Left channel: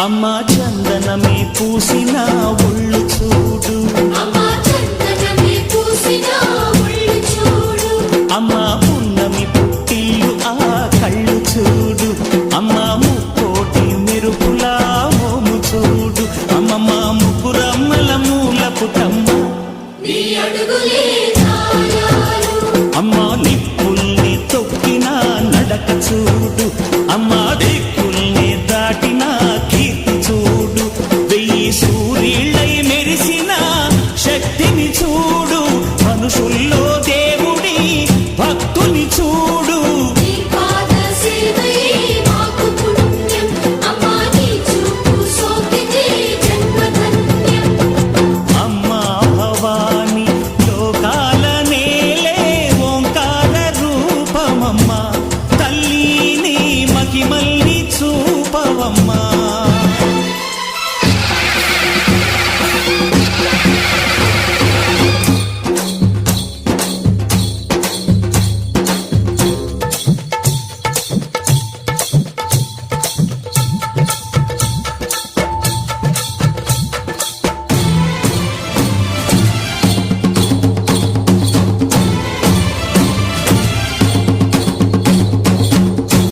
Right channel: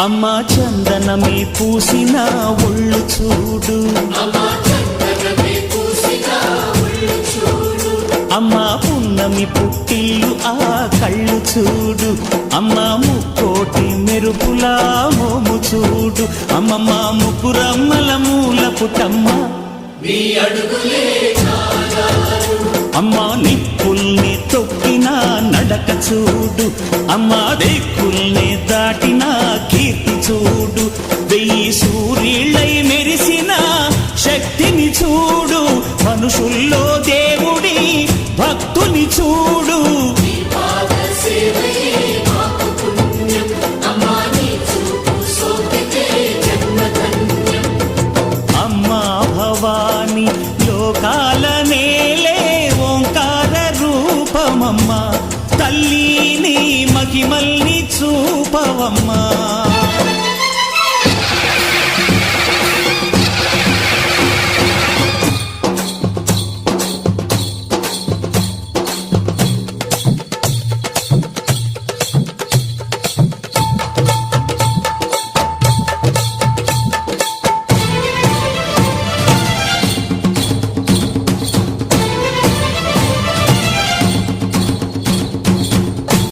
అమ్మా చందనమే పూసిన ఒళ్ళు చూడు, అమ్మా పున్నమి పుట్టిల్లు ఆ కళ్ళు చూడు, అమ్మా ముక్కోటి మెరుపులా మోము చూడు, అమ్మమ్మ ముగ్గురమ్మల మూల పుటమ్మ అమ్మా నిప్పుల్ని తొక్కిన నడక చూడు, అమ్మా దిక్కుల్ని దాటిన కీర్తి చూడు, 1000 సూర్యుళ్ళై మెరిసిన శక్తిని చూడు, మనుషుల్లో దేవుడి భక్తుని చూడు. అమ్మా భవాని లోకాల నేలే ఓంకార రూపమమ్మా, తల్లిని మహిమల్ని చూపవమ్మా.